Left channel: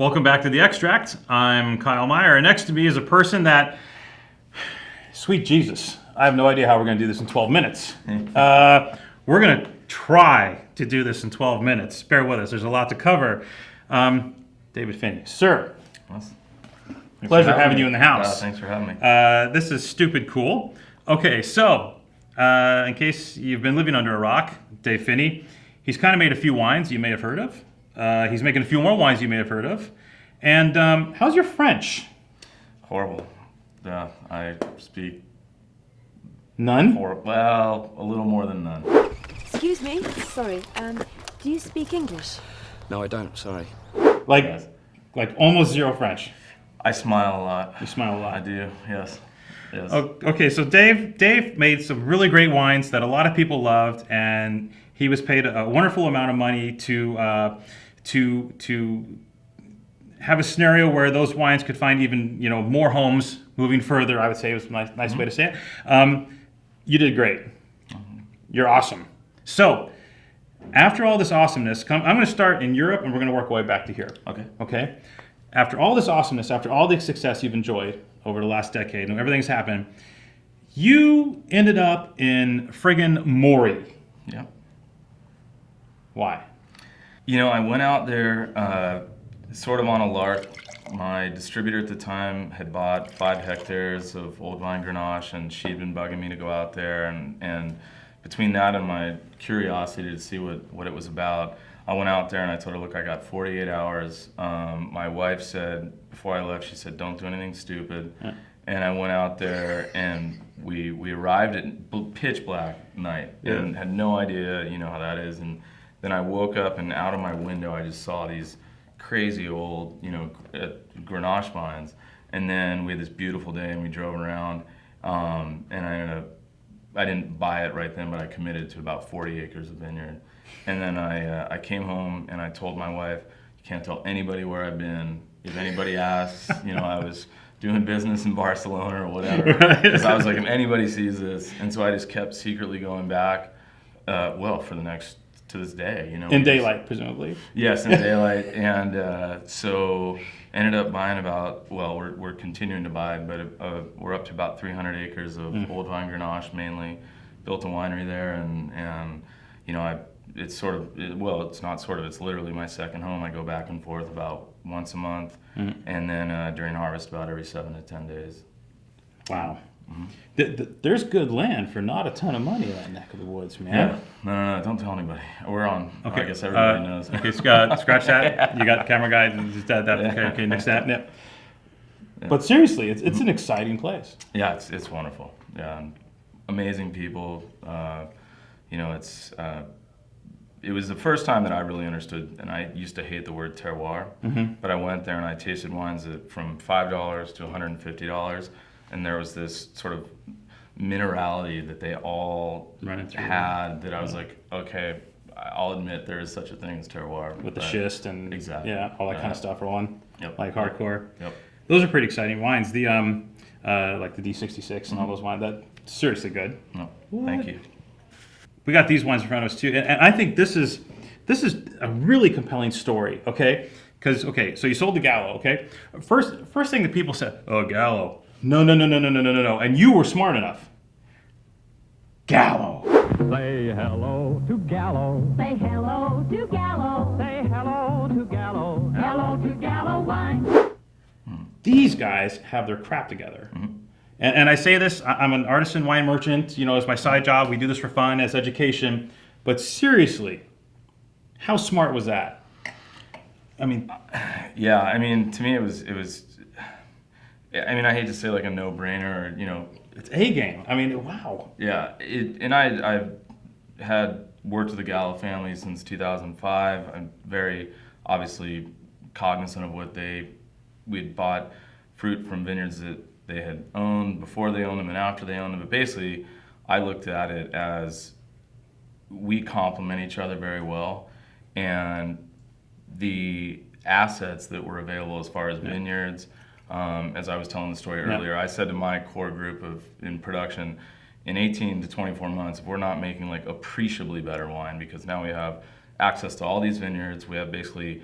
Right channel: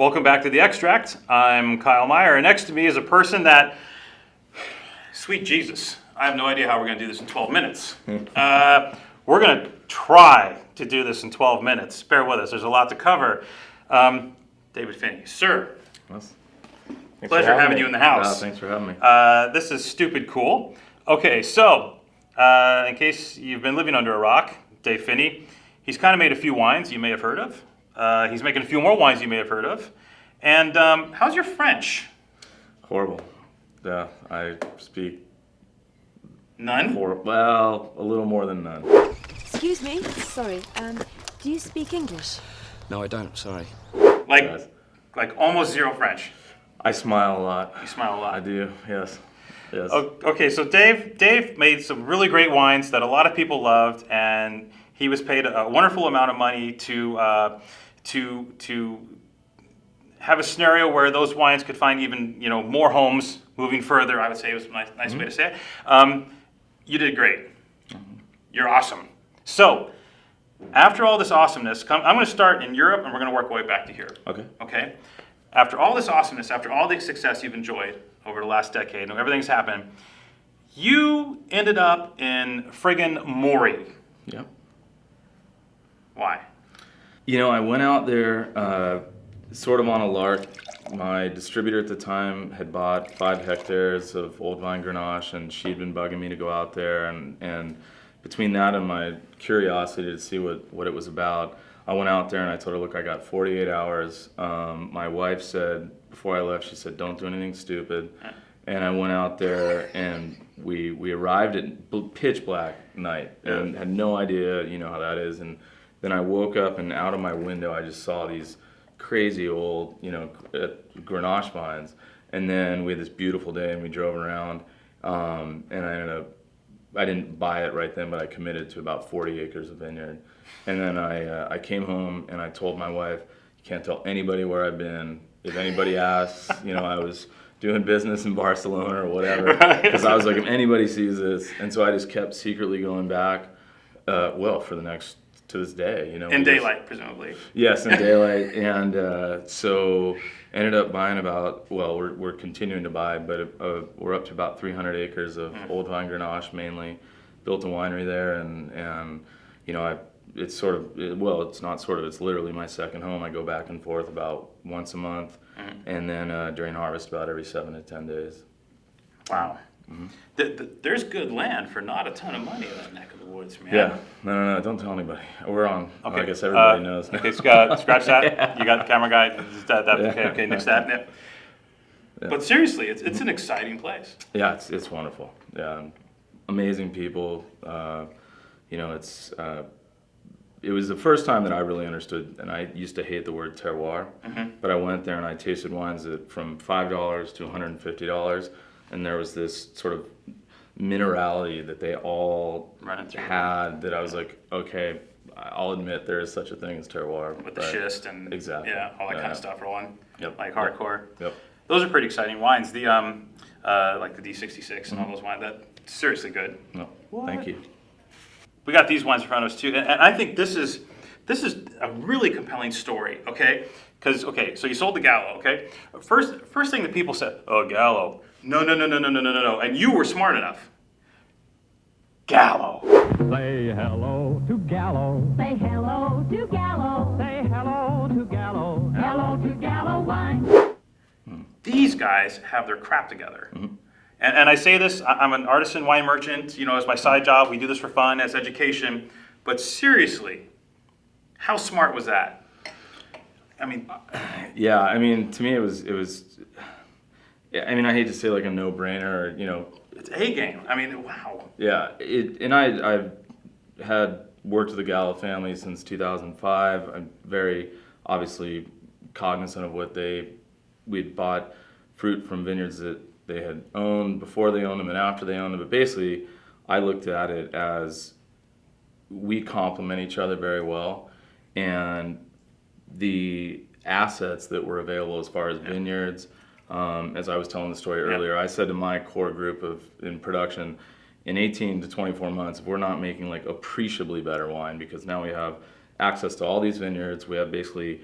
Welcome back to The Extract. I'm Kyle Meyer, and next to me is a person that, sweet Jesus, I have no idea how we're going to do this in 12 minutes. We're going to try to do this in 12 minutes. Bear with us, there's a lot to cover. David Finney, sir. Thanks Pleasure having you in the house. Thanks for having me. This is stupid cool. Okay, so in case you've been living under a rock, Dave Finney, he's kind of made a few wines you may have heard of. He's making a few more wines you may have heard of. And how's your French? Horrible. Yeah, I speak None? Well, a little more than none. Excuse me, sorry, do you speak English? No, I don't, sorry. Like almost zero French. I smile a lot. You smile a lot. I do, yes. Okay, so Dave made some really great wines that a lot of people loved, and he was paid a wonderful amount of money to have a scenario where those wines could find even more homes moving further. I would say was a nice way to say it. You did great. You're awesome. So after all this awesomeness, I'm going to start in Europe, and we're going to work our way back to here. Okay. After all this awesomeness, after all the success you've enjoyed over the last decade and everything's happened, you ended up in friggin' Maury. Yep. Why? I went out there sort of on a lark. My distributor at the time had bought 5 hectares of old vine Grenache, and she'd been bugging me to go out there. And between that and my curiosity to see what it was about, I went out there and I told her, look, I got 48 hours. My wife said, before I left, she said, don't do anything stupid. And I went out there and we arrived at pitch black night and had no idea, how that is. And then I woke up and out of my window, I just saw these crazy old, Grenache vines. And then we had this beautiful day and we drove around, and I didn't buy it right then, but I committed to about 40 acres of vineyard. And then I came home and I told my wife, you can't tell anybody where I've been. If anybody asks, I was doing business in Barcelona or whatever. Because I was like, if anybody sees this. And so I just kept secretly going back, to this day. In daylight, presumably. Yes, in daylight. And so ended up buying we're continuing to buy, but we're up to about 300 acres of old vine Grenache mainly. Built a winery there, and it's it's literally my second home. I go back and forth about once a month, and then during harvest about every 7 to 10 days. Wow. There's good land for not a ton of money in that neck of the woods, man. Yeah. No, don't tell anybody. We're on. Okay. I guess everybody knows. Okay, scratch that. You got the camera guy. Okay, next step. Yep. Yeah. But seriously, it's an exciting place. Yeah, it's wonderful. Yeah, amazing people. It was the first time that I really understood, and I used to hate the word terroir, but I went there and I tasted wines from $5 to $150, and there was this sort of minerality that they all had that I was like, okay, I'll admit there is such a thing as terroir. With the schist and all that kind of stuff rolling, like hardcore. Yep. Those are pretty exciting wines. The like the D66 and all those wines, that's seriously good. No, thank you. We got these wines in front of us too, and I think this is a really compelling story. Okay, because so you sold the Gallo. Okay, first thing that people said, oh, Gallo, no, and you were smart enough. Gallo. Say hello to Gallo. Say hello to Gallo. Say hello to Gallo. Hello to Gallo wine. These guys have their crap together. And I say this, I'm an artisan wine merchant, it's my side job. We do this for fun, as education. But seriously, how smart was that? I mean... Yeah, to me it was I hate to say like a no-brainer, or, It's A game. Wow. Yeah, and I've had worked with the Gallo family since 2005. I'm very obviously cognizant of what we'd bought fruit from vineyards that they had owned before they owned them and after they owned them. But basically, I looked at it as we complement each other very well. And the assets that were available as far as vineyards, as I was telling the story earlier, I said to my core group in production, in 18 to 24 months, if we're not making like appreciably better wine, because now we have access to all these vineyards, we have basically,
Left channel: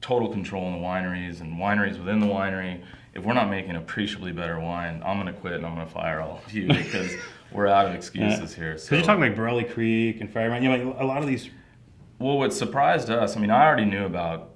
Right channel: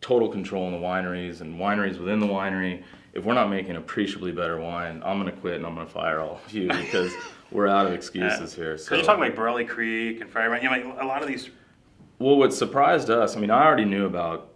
total control in the wineries and wineries within the winery. If we're not making appreciably better wine, I'm going to quit and I'm going to fire all of you because we're out of excuses here. Because you're talking like Borelli Creek and Fire, you know, like a lot of these. Well, what surprised us, I mean, I already knew about,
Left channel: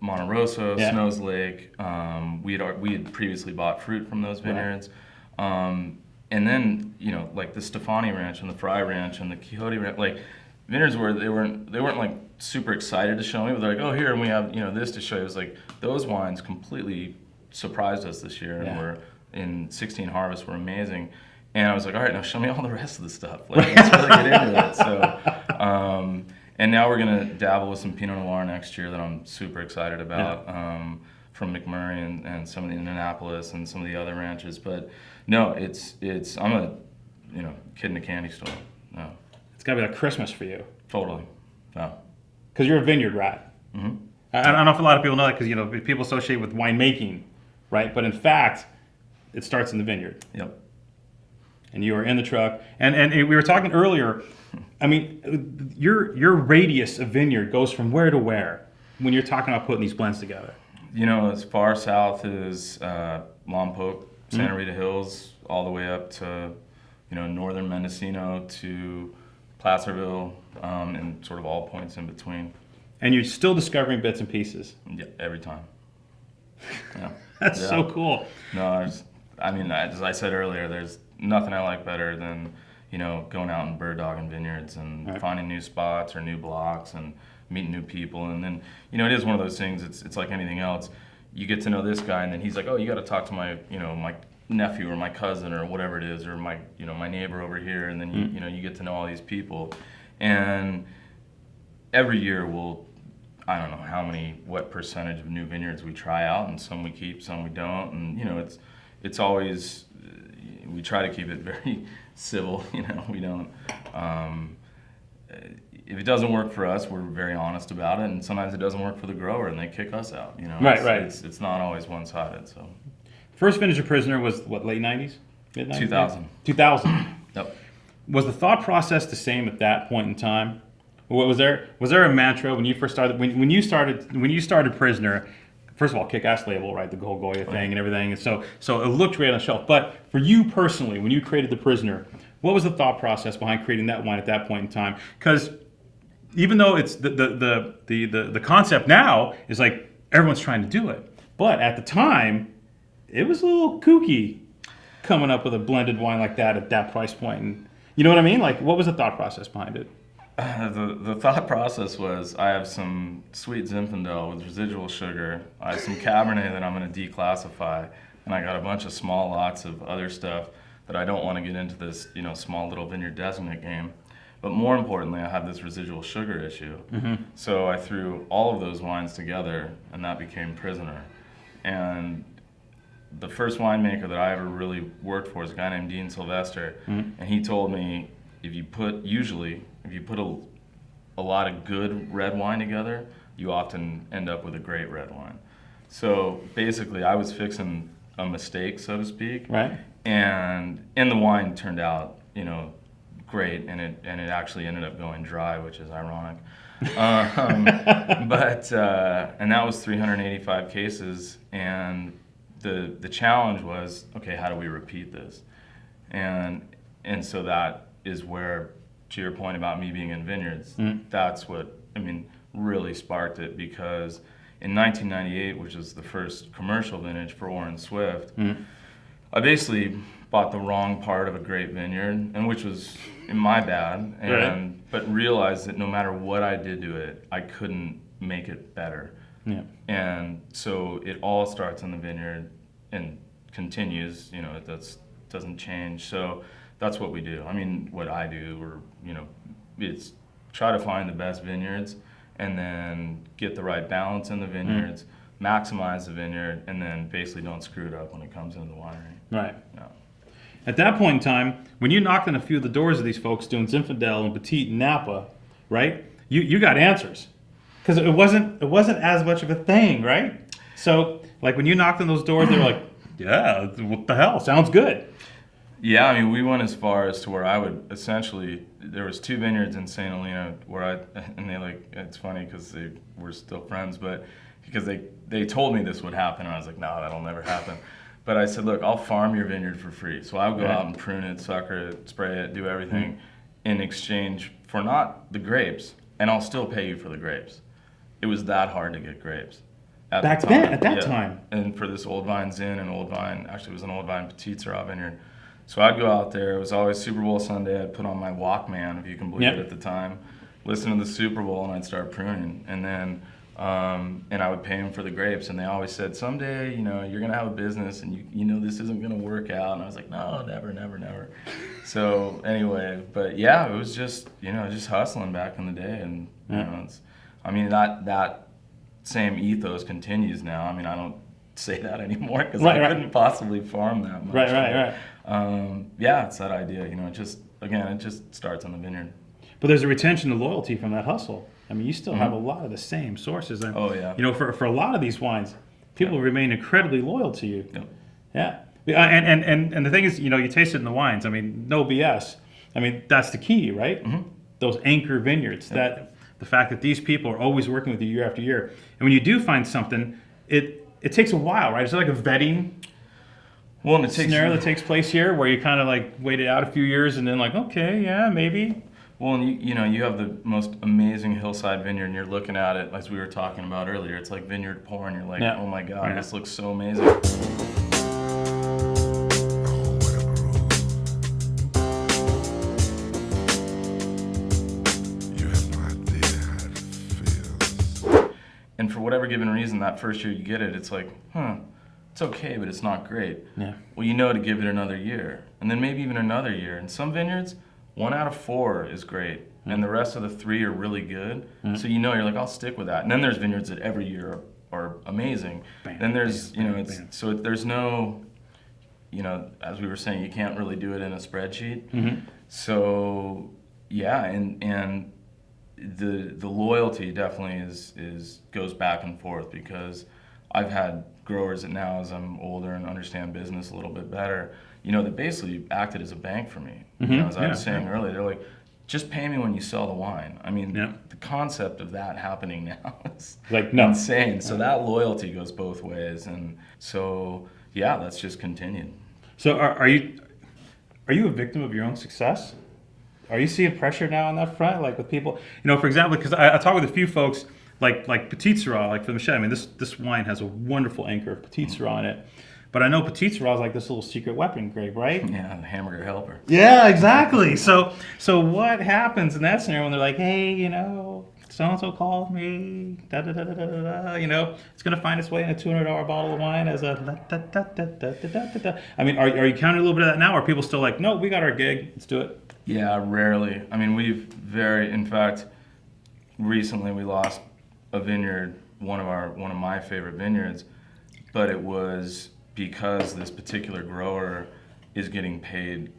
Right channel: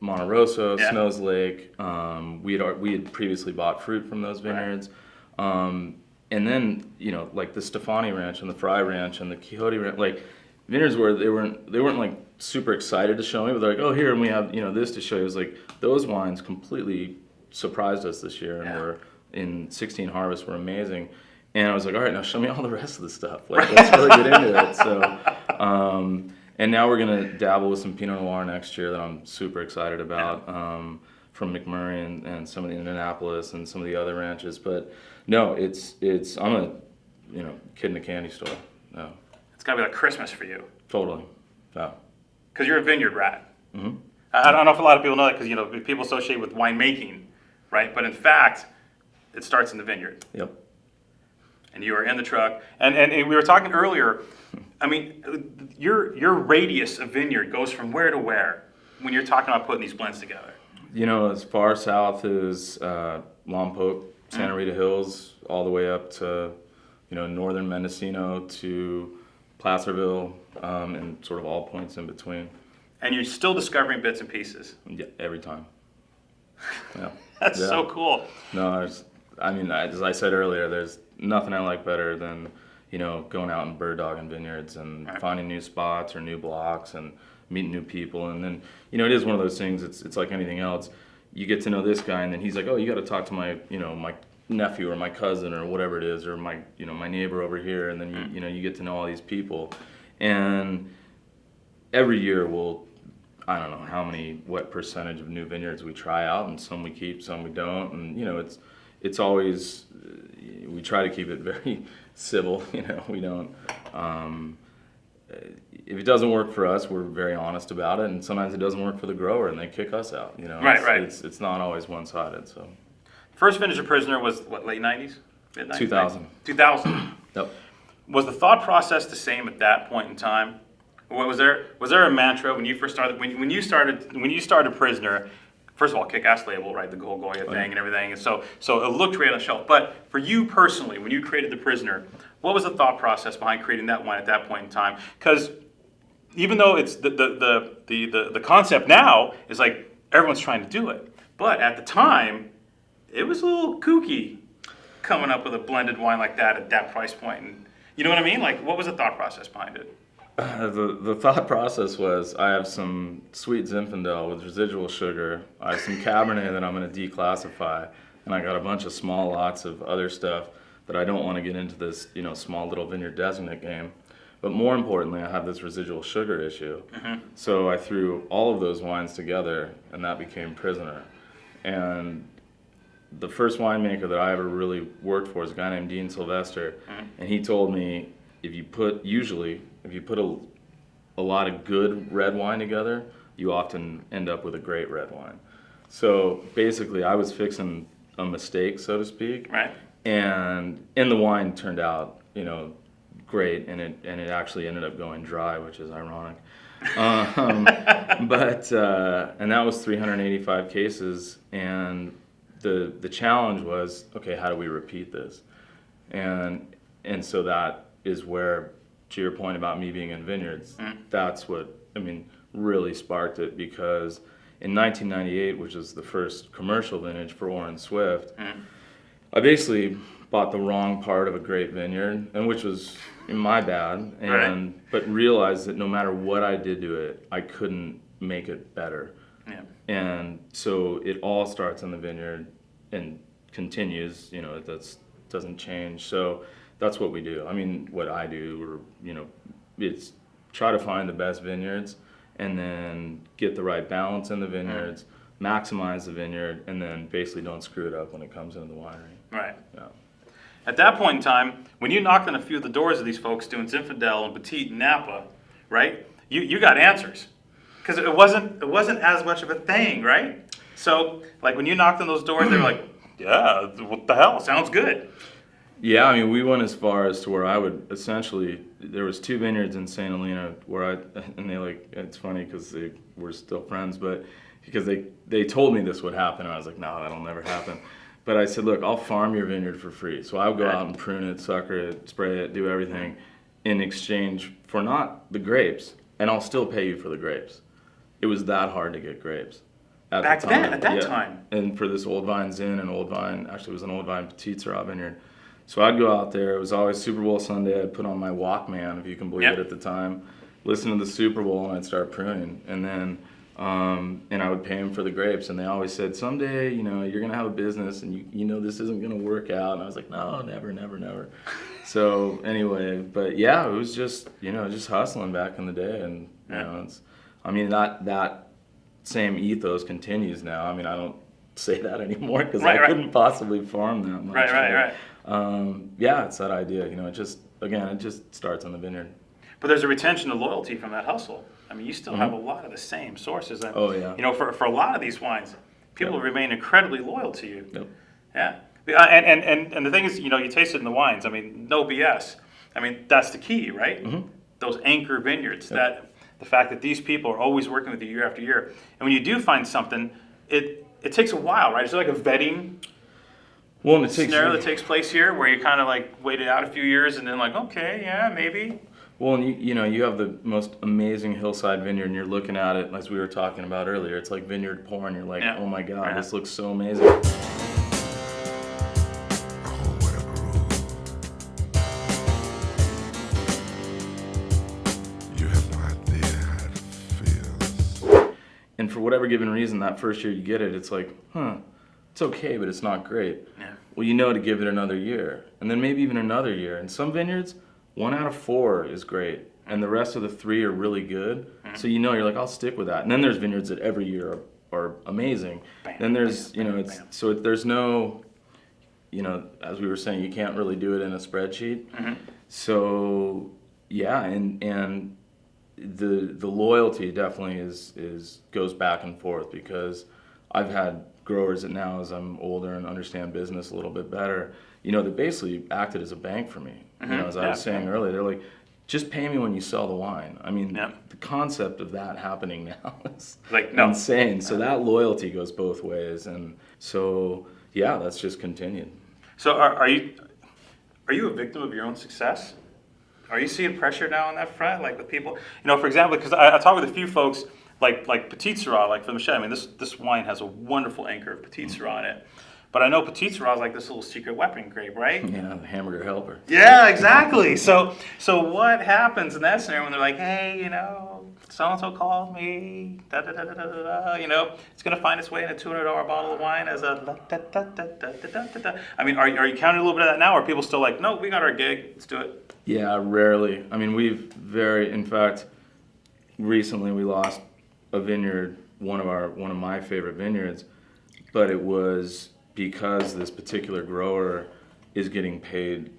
Monte Rosso, Snows Lake. We had previously bought fruit from those vineyards. Right. And then, like the Stefani Ranch and the Fry Ranch and the Quixote Ranch, like vineyards where they weren't like super excited to show me, but they're like, oh, here, and we have, this to show you. It was like those wines completely surprised us this year, and were in 16 harvests were amazing. And I was like, all right, now show me all the rest of the stuff. Like, let's really get into it. So, and now we're gonna dabble with some Pinot Noir next year that I'm super excited about, from McMurray and some of the Indianapolis and some of the other ranches. But no, I'm a, kid in a candy store. No, It's gotta be like Christmas for you. totally. No. Because you're a vineyard rat. Mm-hmm. I don't know if a lot of people know that because people associate with winemaking, right? But in fact, it starts in the vineyard. Yep. And you are in the truck. And we were talking earlier. I mean, your radius of vineyard goes from where to where when you're talking about putting these blends together. As far south as Lompoc, Santa Rita Hills, all the way up to northern Mendocino to Placerville, and sort of all points in between. And you're still discovering bits and pieces. Yeah, every time. Yeah. That's so cool. No, as I said earlier, there's nothing I like better than, going out and bird dogging vineyards and finding new spots or new blocks and meeting new people. And then, it is one of those things, it's like anything else. You get to know this guy and then he's like, oh, you got to talk to my, my nephew or my cousin or whatever it is, or my, my neighbor over here. And then, you get to know all these people. And every year I don't know what percentage of new vineyards we try out, and some we keep, some we don't. And, it's always, we try to keep it very civil, we don't, if it doesn't work for us, we're very honest about it, and sometimes it doesn't work for the grower and they kick us out, Right. It's not always one-sided, so. First vintage of Prisoner was what, late 90s? Mid-90s? 2000. 2000. Yep. Was the thought process the same at that point in time? Was there a mantra when you first started, when you started Prisoner? First of all, kick-ass label, right? The whole Goya thing and everything. And so it looked great on the shelf. But for you personally, when you created the Prisoner, what was the thought process behind creating that wine at that point in time? Because even though it's the concept now is like everyone's trying to do it, but at the time, it was a little kooky coming up with a blended wine like that at that price point. And you know what I mean? Like, what was the thought process behind it? The thought process was, I have some sweet Zinfandel with residual sugar. I have some Cabernet that I'm going to declassify, and I got a bunch of small lots of other stuff that I don't want to get into this, small little vineyard designate game. But more importantly, I have this residual sugar issue. Mm-hmm. So I threw all of those wines together, and that became Prisoner. And the first winemaker that I ever really worked for is a guy named Dean Sylvester, and he told me, if you put a lot of good red wine together, you often end up with a great red wine. So basically, I was fixing a mistake, so to speak. Right. And the wine turned out, great, and it actually ended up going dry, which is ironic. But that was 385 cases, and the challenge was, okay, how do we repeat this? And so that is where, to your point about me being in vineyards, that's what, really sparked it, because in 1998, which was the first commercial vintage for Orin Swift, I basically bought the wrong part of a great vineyard, and which was my bad, but realized that no matter what I did to it, I couldn't make it better. Yeah. And so it all starts in the vineyard and continues, that doesn't change. So that's what we do. What I do, it's try to find the best vineyards and then get the right balance in the vineyards, maximize the vineyard, and then basically don't screw it up when it comes into the winery. Right. Yeah. At that point in time, when you knocked on a few of the doors of these folks doing Zinfandel and Petit and Napa, right? You got answers, because it wasn't as much of a thing, right? So like when you knocked on those doors, they were like, yeah, what the hell? Sounds good. Yeah, I mean, we went as far as to where I would essentially, there was 2 vineyards in St. Helena where and they like, it's funny because we're still friends, but because they told me this would happen, and I was like, no, that'll never happen. But I said, look, I'll farm your vineyard for free. So I would go out and prune it, sucker it, spray it, do everything in exchange for not the grapes, and I'll still pay you for the grapes. It was that hard to get grapes. At Back the time. then, at that time. And for this Old Vines Inn and Old Vine, actually it was an Old Vine Petite Syrah vineyard. So I'd go out there. It was always Super Bowl Sunday. I'd put on my Walkman, if you can believe it, at the time, listen to the Super Bowl, and I'd start pruning. And then, and I would pay them for the grapes. And they always said, someday, you know, you're gonna have a business, and you know this isn't gonna work out. And I was like, no, never, never, never. So anyway, but yeah, it was just, you know, just hustling back in the day, and you know, it's, I mean, that same ethos continues now. I mean, I don't say that anymore because I couldn't possibly farm that much. Right. Yeah, it's that idea. You know, it just starts on the vineyard. But there's a retention of loyalty from that hustle. I mean, you still have a lot of the same sources. And, oh yeah. You know, for a lot of these wines, people remain incredibly loyal to you. Yep. Yeah. And the thing is, you know, you taste it in the wines. I mean, no BS. I mean, that's the key, right? Those anchor vineyards. That the fact that these people are always working with you year after year. And when you do find something, it takes a while, right? Is there like a vetting scenario that takes place here where you kind of like wait it out a few years and then like, okay, yeah, maybe? Well, and you know, you have the most amazing hillside vineyard, and you're looking at it, as we were talking about earlier, it's like vineyard porn. You're like, oh my God, this looks so amazing. And for whatever given reason, that first year you get it, it's like, it's okay, but it's not great. Yeah. Well, you know to give it another year, and then maybe even another year. And some vineyards, 1 out of 4 is great, and the rest of the 3 are really good. So you know, you're like, I'll stick with that. And then there's vineyards that every year are amazing. Then there's, you know, there's no, you know, as we were saying, you can't really do it in a spreadsheet. So yeah, and the loyalty definitely goes back and forth, because I've had growers that now, as I'm older and understand business a little bit better, you know, that basically acted as a bank for me. You know, as I was saying earlier, they're like, just pay me when you sell the wine. I mean, the concept of that happening now is like insane. So that loyalty goes both ways, and so yeah, that's just continued. So are you a victim of your own success? Are you seeing pressure now on that front, like with people? You know, for example, because I talk with a few folks, like Petite Syrah, like for Michelle. I mean, this wine has a wonderful anchor of Petite Syrah in it, but I know Petite Syrah is like this little secret weapon grape, right? Yeah, the hamburger helper. Yeah, exactly. So what happens in that scenario when they're like, hey, you know, so and so called me, da da da da da da, you know, it's gonna find its way in a $200 bottle of wine as a da da da da da da da. I mean, are you counting a little bit of that now, or are people still like, no, we got our gig, let's do it? Yeah, rarely. I mean, in fact, recently we lost a vineyard, one of my favorite vineyards, but it was because this particular grower is getting paid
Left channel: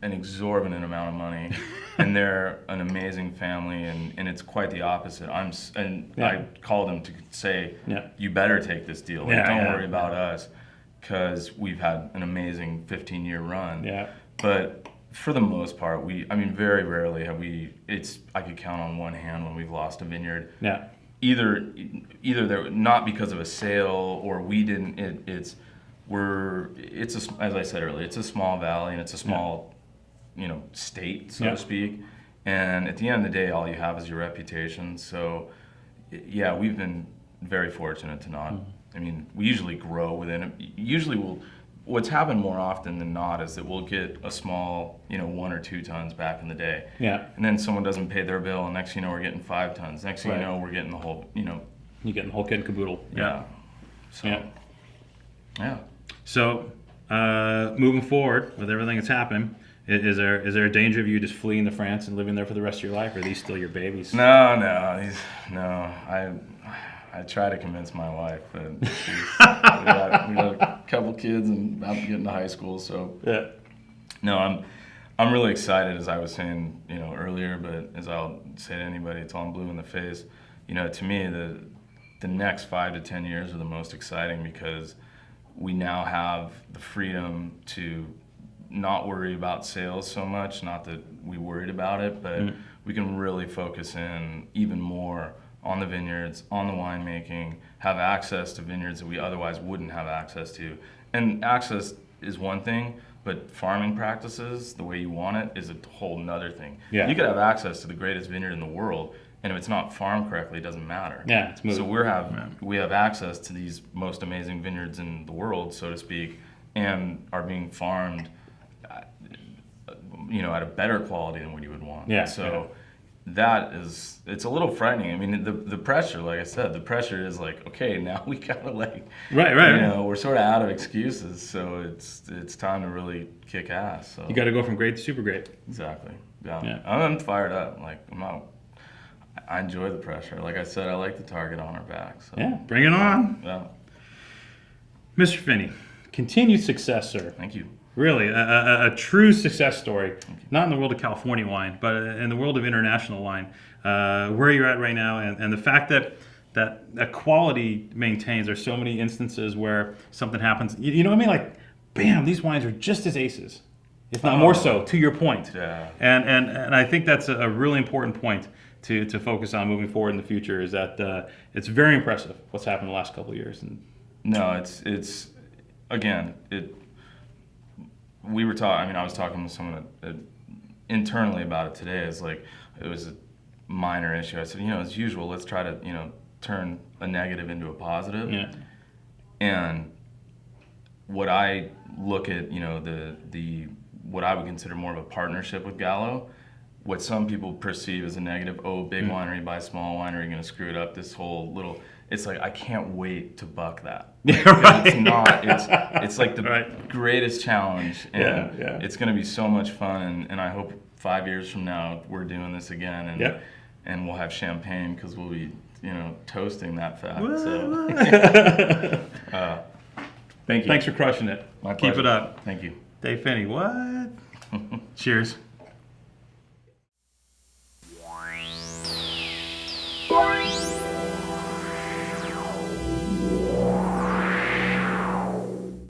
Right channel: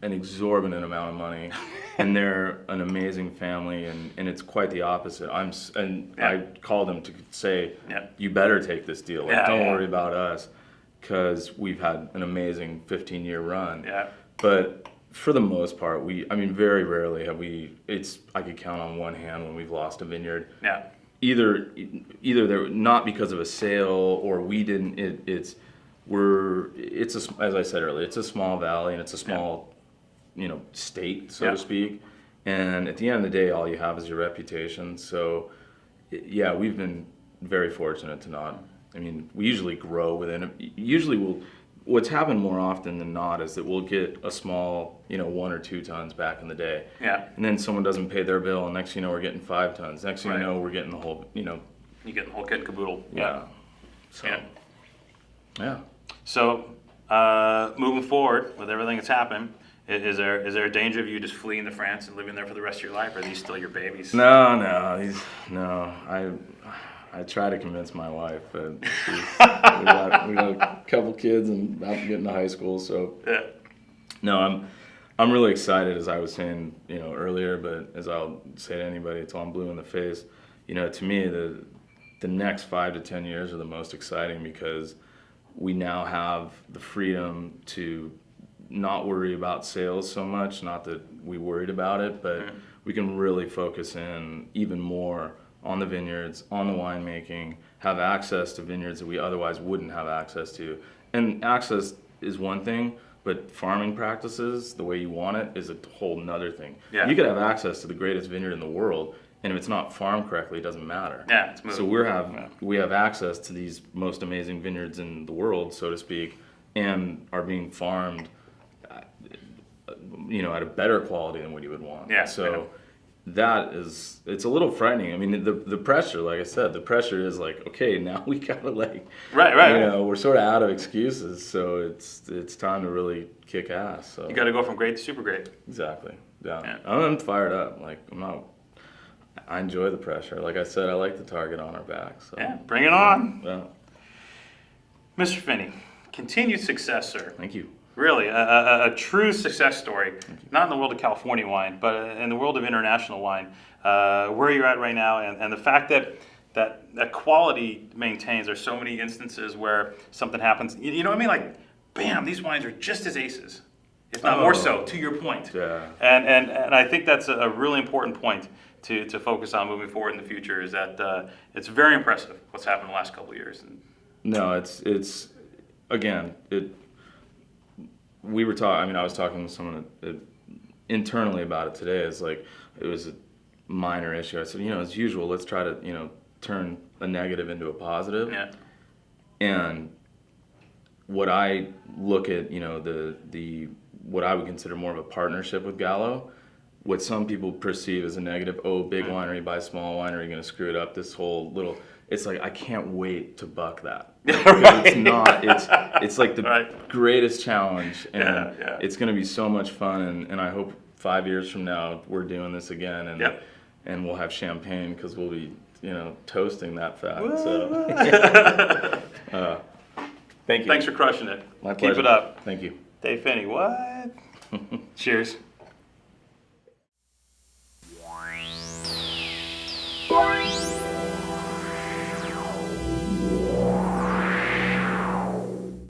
an exorbitant amount of money, and they're an amazing family, and it's quite the opposite. I called him to say, you better take this deal. Like, don't worry about us, because we've had an amazing 15-year run. Yeah. But for the most part, very rarely have I could count on one hand when we've lost a vineyard. Yeah. Either they're not because of a sale, or we didn't. As I said earlier, it's a small valley, and it's a small, you know, state, so to speak. And at the end of the day, all you have is your reputation. So, yeah, we've been very fortunate to not. I mean, we usually grow within it. What's happened more often than not is that we'll get a small, you know, 1 or 2 tons back in the day. Yeah. And then someone doesn't pay their bill, and next thing you know, we're getting 5 tons. Next thing you know, we're getting the whole, you know. You're getting the whole kit and caboodle. Yeah. So, yeah. So, moving forward with everything that's happening, is there a danger of you just fleeing to France and living there for the rest of your life, or are these still your babies? No. I try to convince my wife, but we got a couple kids and about to get into high school, so yeah. No, I'm really excited, as I was saying, you know, earlier, but as I'll say to anybody until I'm blue in the face, you know, to me the next 5 to 10 years are the most exciting, because we now have the freedom to not worry about sales so much. Not that we worried about it, but we can really focus in even more on the vineyards, on the winemaking, have access to vineyards that we otherwise wouldn't have access to. And access is one thing, but farming practices, the way you want it, is a whole nother thing. Yeah. You could have access to the greatest vineyard in the world, and if it's not farmed correctly, it doesn't matter. Yeah, it's moving. So we have access to these most amazing vineyards in the world, so to speak, and are being farmed, at a better quality than what you would want. Yeah, So it's a little frightening. I mean, the pressure, like I said, the pressure is like, okay, now we gotta Right. we're sort of out of excuses, so it's time to really kick ass. So You got to go from great to super great. exactly. Yeah. Yeah. I'm fired up. Like I enjoy the pressure. Like I said, I like the target on our back. So Yeah, bring it on. yeah. Mr. Finney, continued success, sir. Thank you. Really, a true success story, not in the world of California wine, but in the world of international wine, where you're at right now, and the fact that quality maintains. There's so many instances where something happens. You know what I mean? Like, bam, these wines are just as aces, if not more so, to your point. Yeah. And I think that's a really important point to focus on moving forward in the future, is that it's very impressive what's happened in the last couple of years. And No, it's again, we were talking. I mean, I was talking to someone internally about it today. It's like it was a minor issue. I said, as usual, let's try to turn a negative into a positive. yeah, And what I look at, the what I would consider more of a partnership with Gallo, what some people perceive as a negative. Oh, big winery buy small winery, you're gonna screw it up. This whole little. It's like I can't wait to buck that. Because it's not. It's like the greatest challenge, and it's going to be so much fun. And I hope 5 years from now we're doing this again, and we'll have champagne because we'll be toasting that fact. So thank you. Thanks for crushing it. My Keep pleasure. it up. Thank you. Dave Finney, what? Cheers.